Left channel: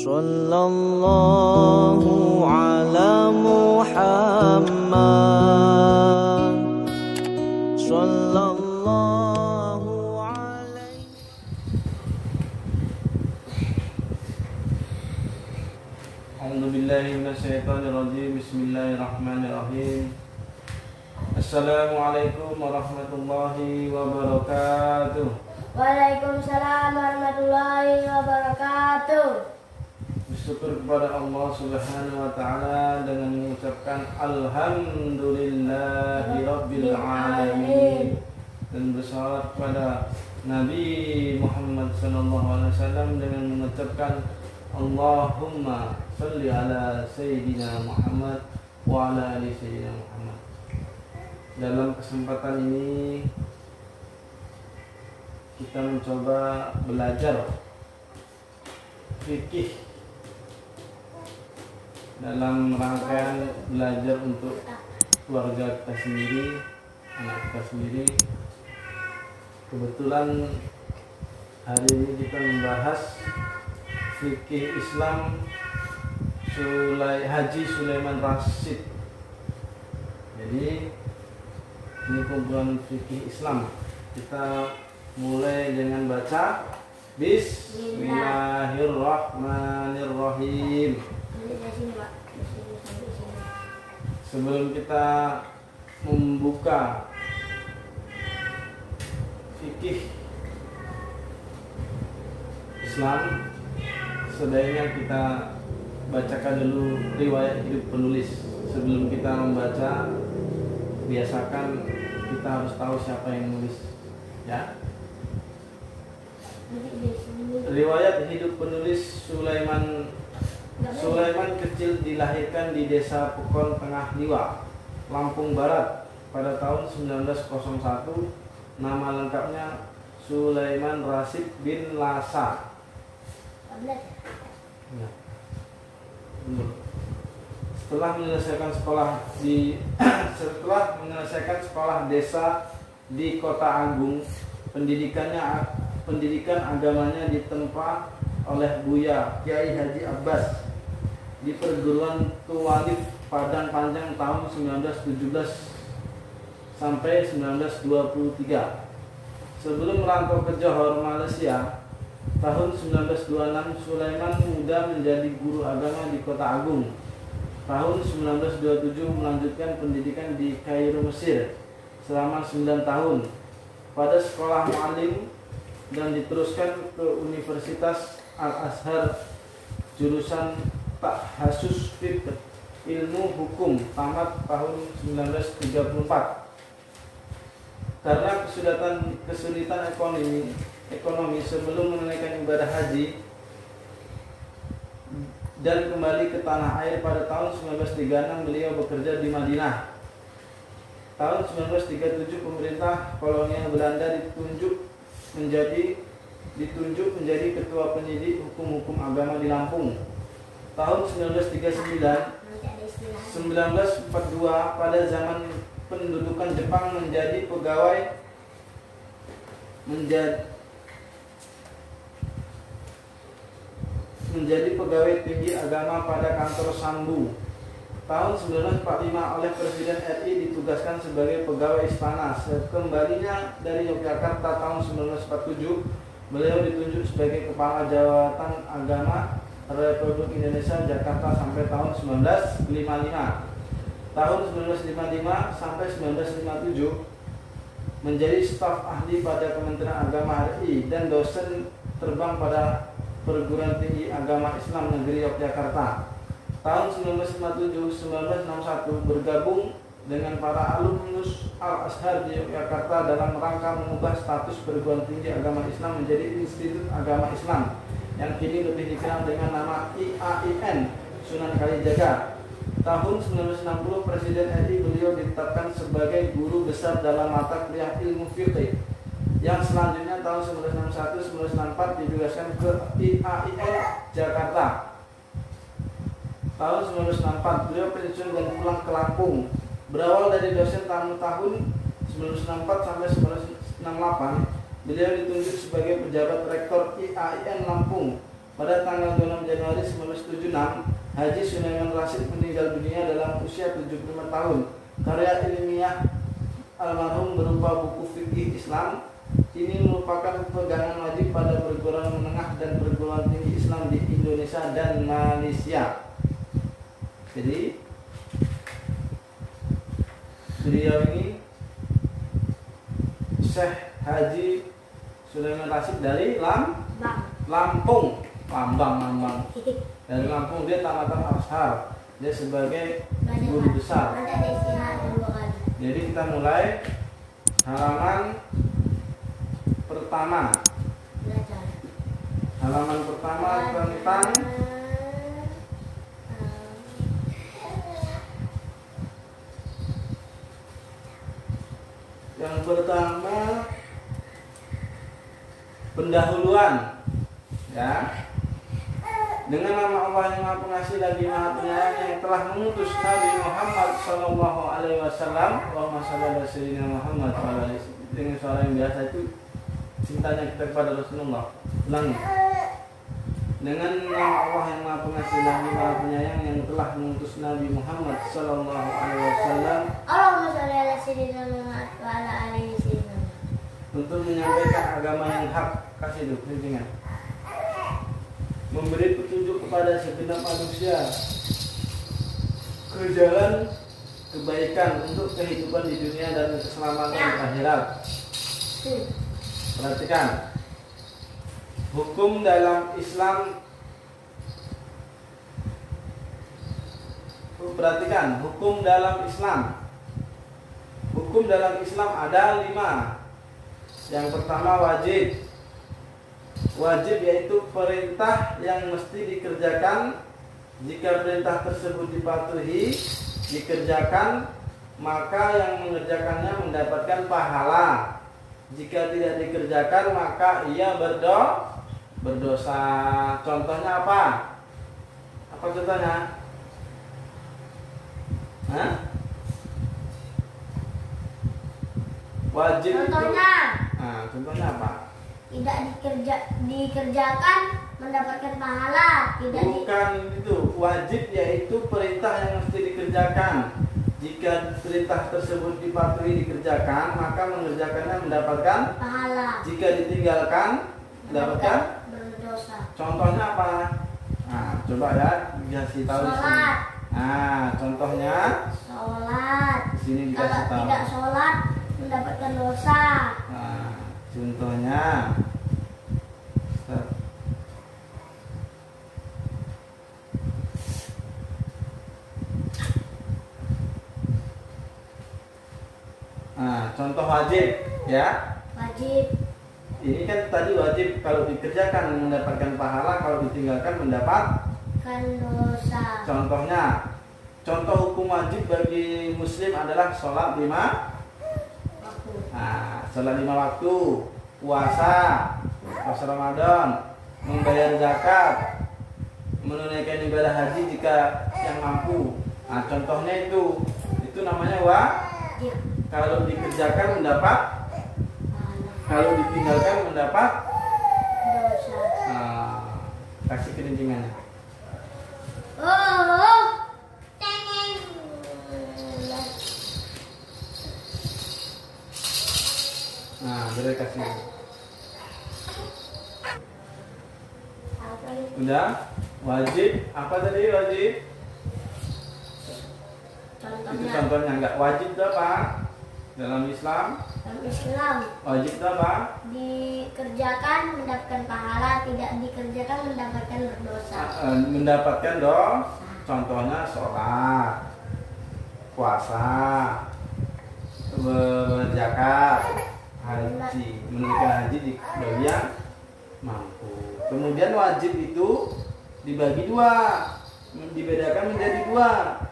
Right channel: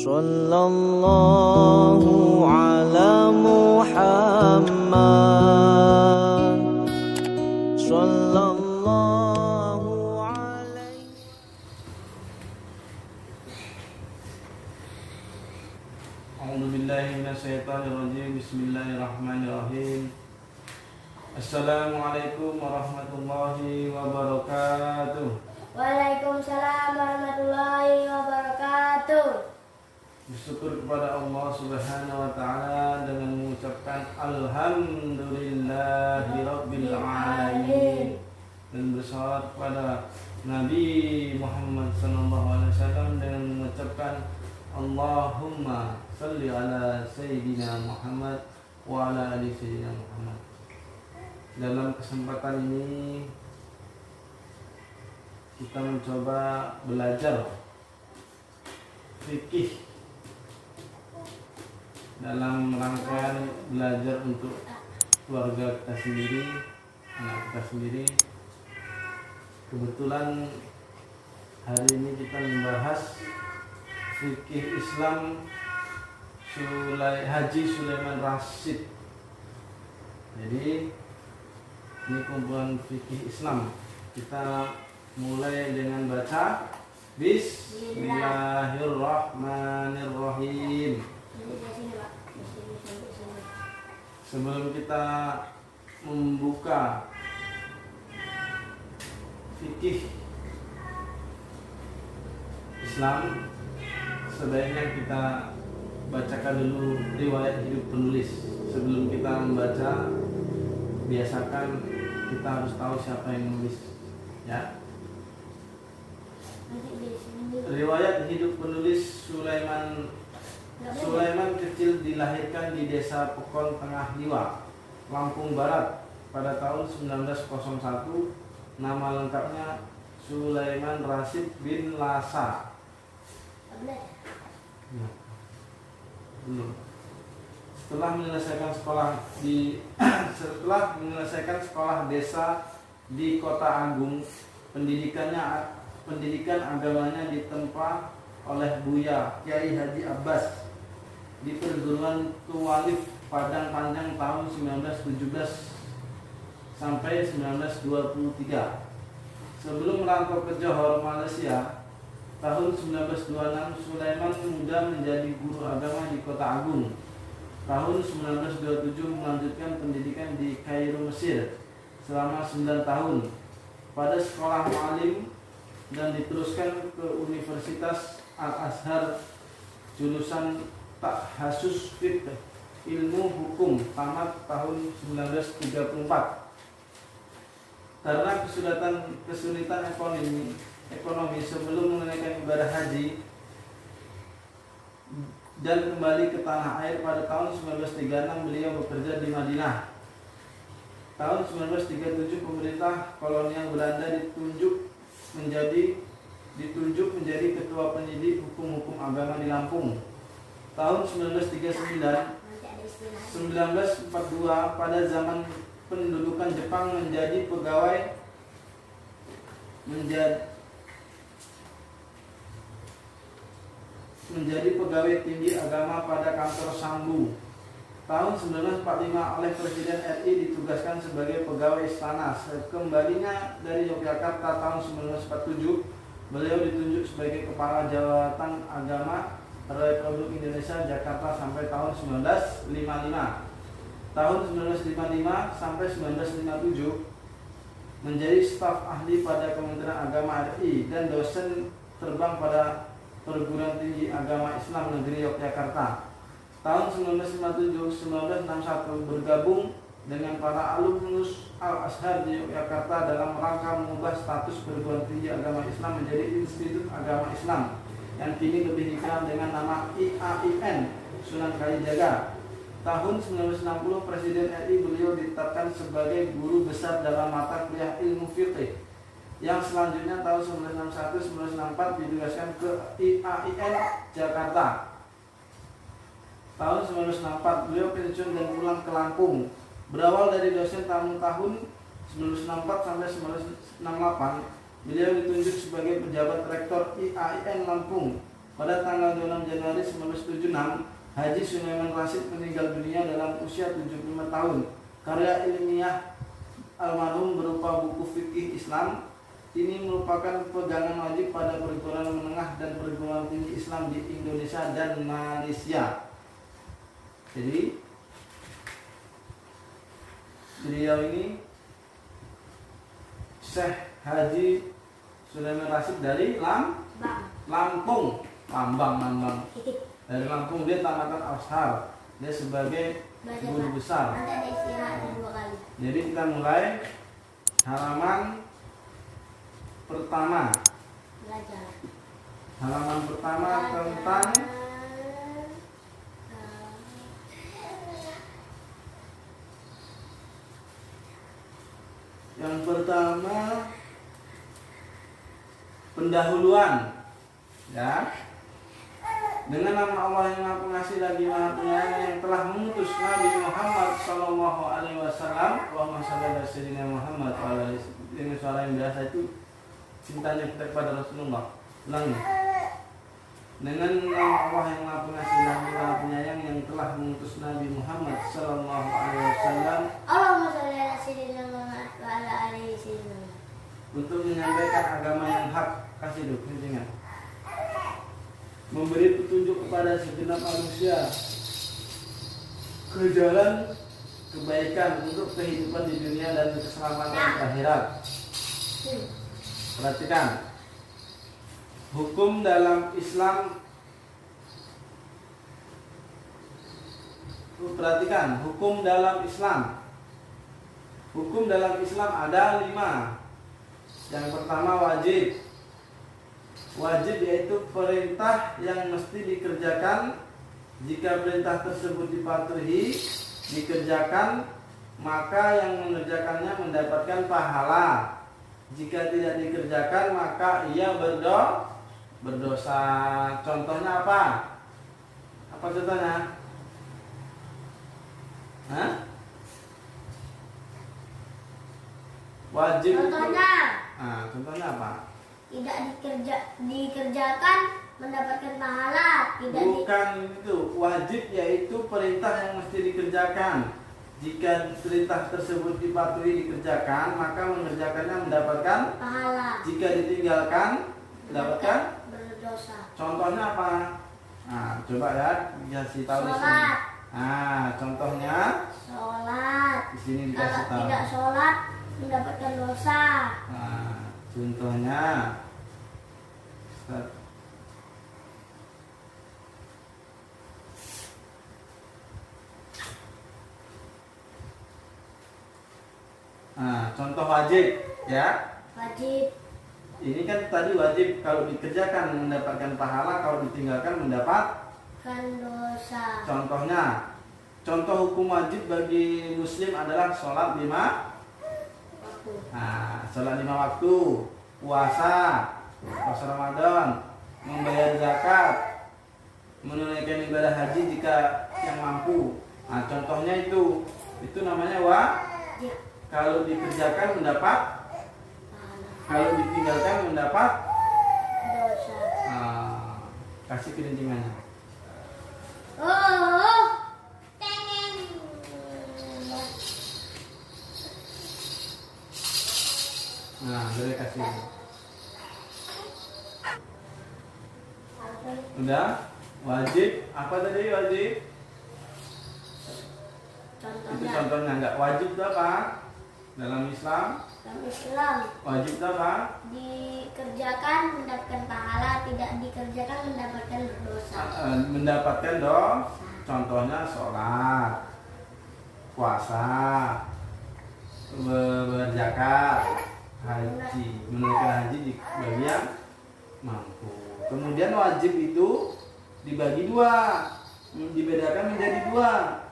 Sallallahu ala Muhammad. Sallallahu alaihi. A'udzu billahi minasyaitonir rajim. Bismillahirrahmanirrahim. Assalamualaikum warahmatullahi wabarakatuh. Waalaikumsalam warahmatullahi wabarakatuh. Bersyukur kepada Allah Subhanahu wa taala dengan mengucapkan alhamdulillahirabbil alamin dan bersalawat kepada Nabi Muhammad sallallahu alaihi wasallam dengan mengucapkan Allahumma shalli ala sayyidina Muhammad wa ala ali sayyidina Muhammad. Dalam kesempatan ini kita mencoba belajar fikih dalam rangkaian belajar untuk keluarga kita sendiri, anak kita sendiri. Kebetulan hari ini kita membahas fikih Islam Haji Sulaiman Rasyid. Jadi ini kumpulan fikih Islam. Kita mulai dengan baca Bismillahirrahmanirrahim. Sebelum kita membuka fikih Islam, sebaiknya kita bacakan dulu riwayat hidup penulis. Sebelum kita membaca, biasakan kita harus tahu siapa yang nulis, ya. Riwayat hidup penulis Sulaiman kecil dilahirkan di desa Pekon Tengah Liwa, Lampung Barat pada tahun 1901. Nama lengkapnya Sulaiman Rasyid bin Lasa. Setelah menyelesaikan sekolah desa di Kota Agung, pendidikan agamanya ditempa oleh Buya Kiai Haji Abbas di perguruan Tuwalif Padang Panjang tahun 1917 sampai 1923. Sebelum merantau ke Johor, Malaysia, tahun 1926 Sulaiman muda menjadi guru agama di Kota Agung. Tahun 1927 melanjutkan pendidikan di Kairo, Mesir selama 9 tahun pada sekolah mu'alim dan diteruskan ke Universitas Al-Azhar jurusan Tahassus Fiqh Ilmu Hukum tamat tahun 1934. Karena kesulitan ekonomi sebelum menunaikan ibadah haji dan kembali ke tanah air pada tahun 1936, beliau bekerja di Madinah. Tahun 1937 pemerintah kolonial Belanda ditunjuk menjadi ketua penyidik hukum-hukum agama di Lampung. Tahun 1939 1942 pada zaman pendudukan Jepang menjadi pegawai tinggi agama pada kantor Sambu. Tahun 1945 oleh Presiden RI ditugaskan sebagai pegawai istana. Sekembalinya dari Yogyakarta tahun 1947, beliau ditunjuk sebagai Kepala Jabatan Agama Republik Indonesia Jakarta sampai tahun 1955. Tahun 1955 sampai 1957 menjadi staf ahli pada Kementerian Agama RI dan dosen terbang pada Perguruan Tinggi Agama Islam Negeri Yogyakarta. Tahun 1957-1961 bergabung dengan para alumnus Al-Azhar di Yogyakarta dalam rangka mengubah status Perguruan Tinggi Agama Islam menjadi Institut Agama Islam yang kini lebih dikenal dengan nama IAIN Sunan Kalijaga. Tahun 1960 Presiden RI beliau ditetapkan sebagai guru besar dalam mata kuliah ilmu fiqih, yang selanjutnya tahun 1961-1964 ditugaskan ke IAIN Jakarta. Tahun 1964 beliau pensiun dan pulang ke Lampung. Berawal dari dosen tahun 1964 sampai 1968, beliau ditunjuk sebagai pejabat rektor IAIN Lampung. Pada tanggal 26 Januari 1976, Haji Sulaiman Rasyid meninggal dunia dalam usia 75 tahun. Karya ilmiah almarhum berupa buku fikih Islam ini merupakan pegangan wajib pada perguruan menengah dan perguruan tinggi Islam di Indonesia dan Malaysia. Jadi beliau ini Syekh Haji Sulaiman Rasyid dari Lampung, Lambang. Dari Lampung, dia tamatan Azhar. Dia sebagai guru besar. Jadi kita mulai halaman pertama. Halaman pertama tentang yang pertama pendahuluan, ya. Dengan nama Allah yang Maha Pengasih lagi Maha Penyayang yang telah mengutus Nabi Muhammad Sallallahu Alaihi Wasallam, Allahumma shalli ala sayyidina Muhammad wa ala alihi. Dengan suara yang biasa itu cintanya kita kepada Rasulullah. Ulangi. Dengan nama Allah yang Maha Pengasih lagi Maha Penyayang yang telah mengutus Nabi Muhammad Sallallahu Alaihi Wasallam, Allahumma shalli ala sayyidina Muhammad wa ala alihi untuk menyampaikan agama yang hak. Kasih itu kencingnya. Memberi petunjuk kepada segenap manusia ke jalan kebaikan untuk kehidupan di dunia dan keselamatan di akhirat. Perhatikan, hukum dalam Islam. Perhatikan, hukum dalam Islam. Hukum dalam Islam ada 5. Yang pertama wajib. Wajib yaitu perintah yang mesti dikerjakan. Jika perintah tersebut dipatuhi, dikerjakan, maka yang mengerjakannya mendapatkan pahala. Jika tidak dikerjakan, maka ia berdosa. Contohnya apa? Apa contohnya? Hah? Wajib Contohnya itu, contohnya apa? tidak dikerjakan mendapatkan pahala. Bukan itu. Wajib yaitu perintah yang mesti dikerjakan. Jika perintah tersebut dipatuhi dikerjakan, maka mengerjakannya mendapatkan pahala. Jika ditinggalkan mendapatkan berdosa. Contohnya apa? Nah, coba ya dikasih tahu di sini. Sholat. Nah, contohnya Sholat. di sini Kalau dikasih tahu. tidak sholat mendapatkan dosa. Nah, contohnya contoh wajib, ya. Wajib. Ini kan tadi wajib kalau dikerjakan mendapatkan pahala, kalau ditinggalkan mendapatkan dosa. Contohnya, contoh hukum wajib bagi muslim adalah sholat 5 Waktu. Nah, sholat 5 waktu, puasa Ramadan, membayar zakat, menunaikan ibadah haji jika yang mampu. Nah, contohnya itu namanya Ya. Kalau dikerjakan mendapat, kalau ditinggalkan mendapat Dosa. kasih kelincingannya. Oh. Tengeng. Nah, boleh kasih. Udah? Wajib. Apa tadi wajib? Itu Contohnya contohnya. Enggak wajib itu apa? Dalam Islam dalam Islam wajib itu apa? dikerjakan mendapatkan pahala, tidak dikerjakan mendapatkan berdosa. Mendapatkan contohnya sholat, puasa, berzakat, haji, menunaikan haji bagi yang mampu. Kemudian wajib itu dibagi 2, dibedakan menjadi 2.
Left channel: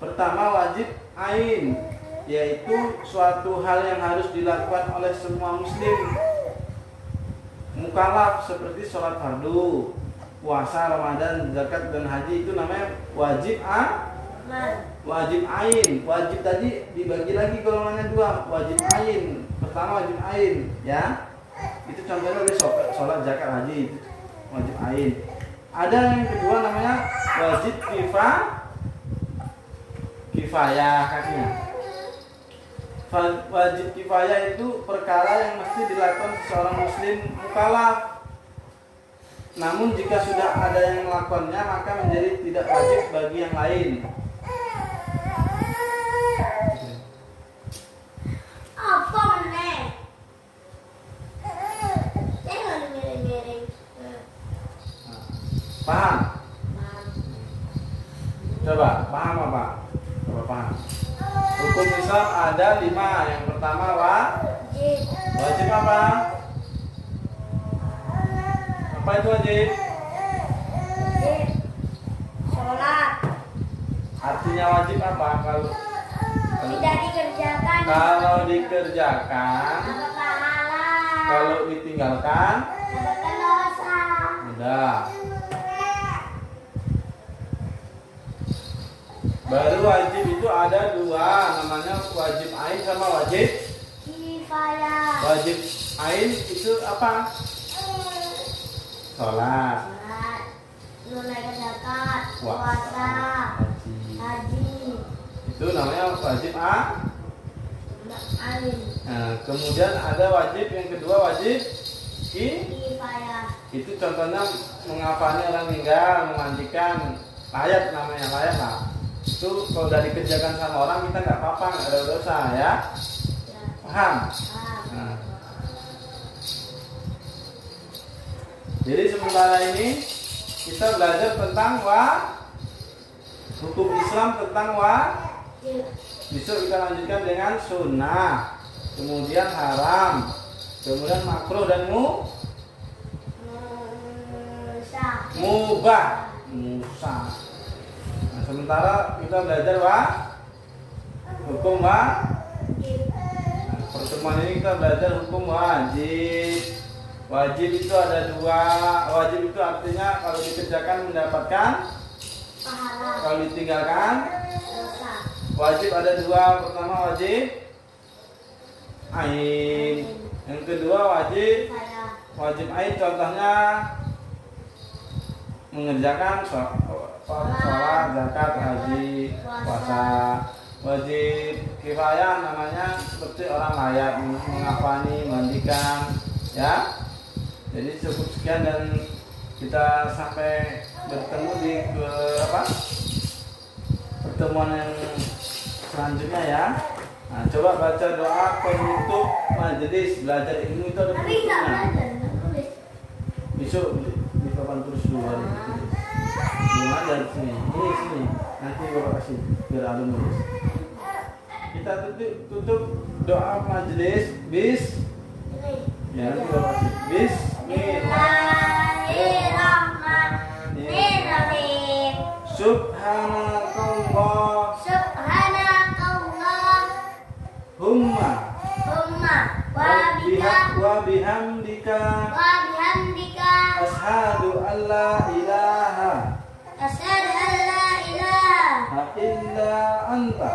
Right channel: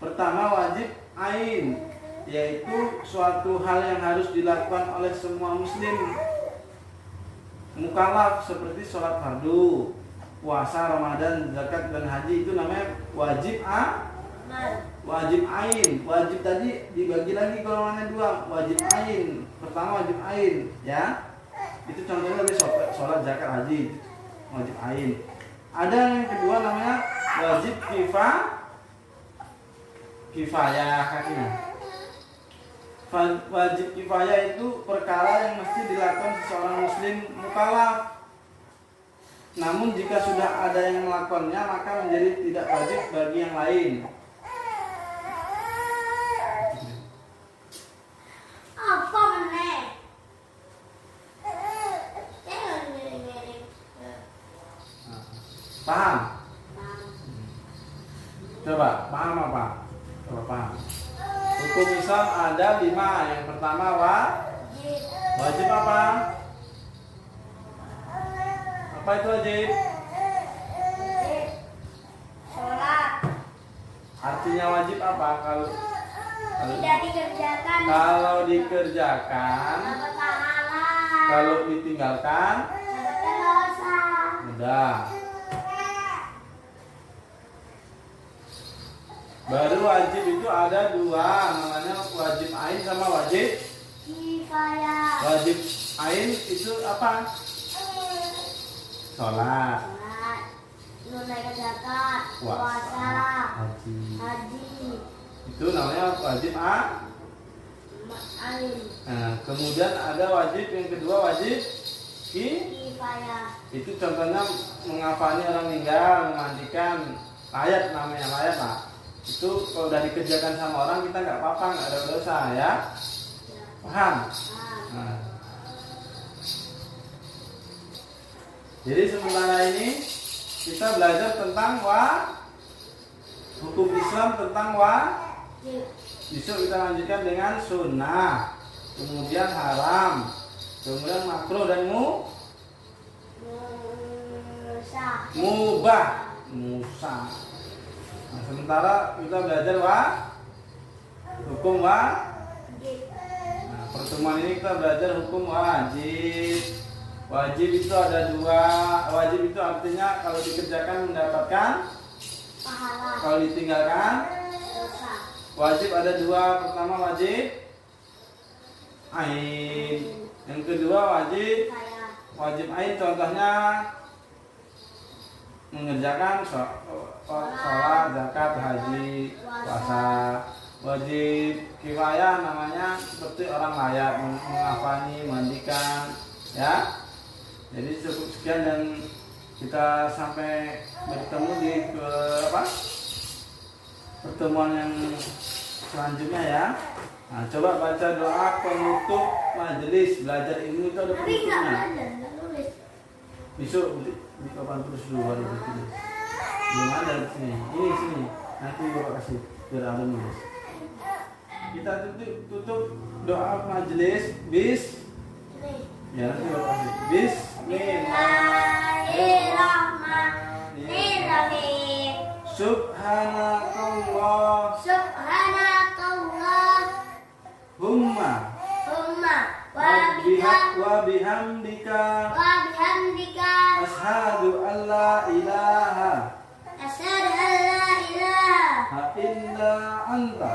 Pertama wajib ain, yaitu suatu hal yang harus dilakukan oleh semua muslim mukallaf, seperti sholat fardu, puasa Ramadan, zakat dan haji. Itu namanya wajib wajib ain. Wajib tadi dibagi lagi golongannya 2, wajib ain. Pertama wajib ain, ya. Itu contohnya dari sholat, zakat, haji, wajib ain. Ada yang kedua namanya wajib kifayah kakinya. Wajib kifayah itu perkara yang mesti dilakukan seseorang muslim mukallaf. Namun jika sudah ada yang melakukannya maka menjadi tidak wajib bagi yang lain. Apa meneh? Jangan miring-miring. Paham? Coba paham apa? Coba paham. Hukum Islam ada 5. Yang pertama wajib apa? Apa itu wajib? Sholat. Artinya wajib apa? Kalau Tidak dikerjakan. kalau dikerjakan, Dapat pahala. kalau ditinggalkan, Dapatkan dosa. udah. Baru wajib itu ada 2, namanya wajib ain sama wajib Kifayah. wajib ain itu apa? Sholat, Sholat. Menunaikan zakat. puasa, Puasa. haji. Haji. Itu namanya wajib ain. Nah, kemudian ada wajib yang kedua wajib Kifayah. itu contohnya mengafani orang meninggal, memandikan, layat namanya layat lah. Itu kalau udah dikerjakan sama orang kita nggak apa-apa, nggak ada dosa ya. Ya. Paham? Nah. Jadi sementara ini kita belajar tentang hukum Islam tentang besok kita lanjutkan dengan sunnah, kemudian haram, kemudian makruh dan mubah. Nah, sementara kita belajar hukum pertemuan ini kita belajar hukum wajib. Wajib itu ada 2. Wajib itu artinya kalau dikerjakan mendapatkan, Pahala. kalau ditinggalkan. Dosa. Wajib ada 2. Pertama wajib ain. Yang kedua wajib ain. Contohnya mengerjakan sholat, zakat, haji, puasa. Wajib kifayah namanya seperti orang layak, mengafani, mandikan, ya. Jadi cukup sekian dan kita sampai bertemu di pertemuan yang selanjutnya ya. Nah, coba baca doa penutup majelis belajar ilmu itu ada penutupnya. Besok di papan tulis dulu hari itu. Belum ada di sini. Ini sini. Nanti Bapak kasih biar alun dulu. Kita tutup doa majelis ya nanti Bapak kasih. Bismillahirrahmanirrahim. Subhanakallah. Humma. Wa bihamdika. Ashhadu an la ilaha illa anta.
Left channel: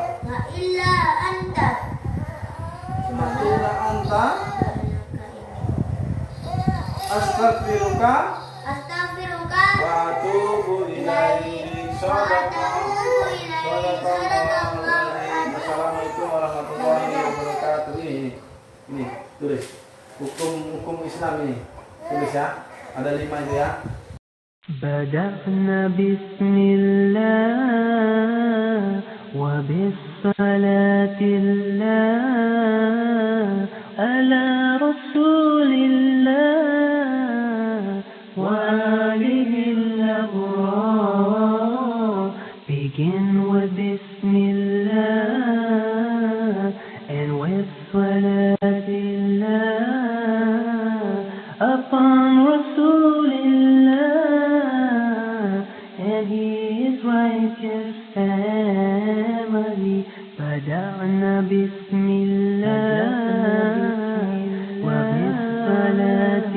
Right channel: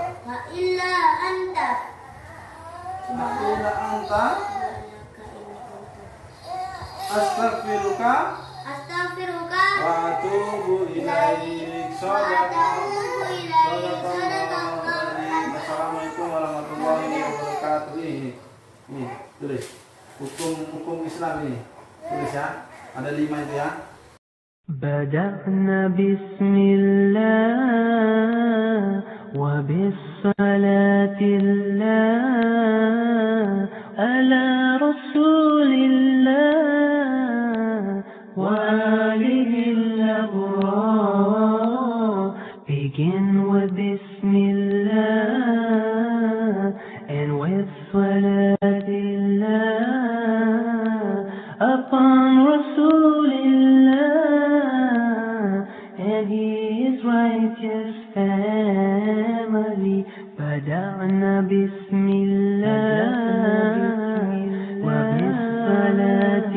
Astaghfiruka wa atubu ilaik. Assalamualaikum warahmatullahi wabarakatuh. Ini tulis hukum Islam ini. Tulis ya. Ada 5 itu ya. بدأنا بسم الله وبالصلاة الله على رسول الله وآله الأبرار. Begin with Bismillah and with Salatillah upon Rasulillah and his righteous family. بدأنا Bismillah وبالصلاة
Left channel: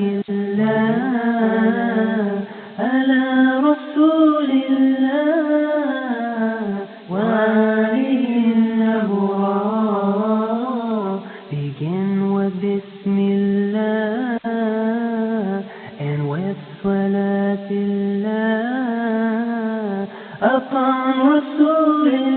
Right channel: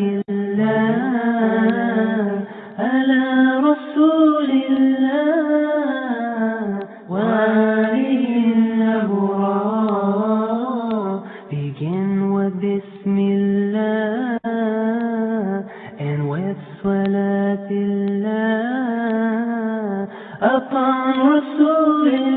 على رسول الله وآله الأبرار. Begin with Bismillah and with Salat الله أقام رسول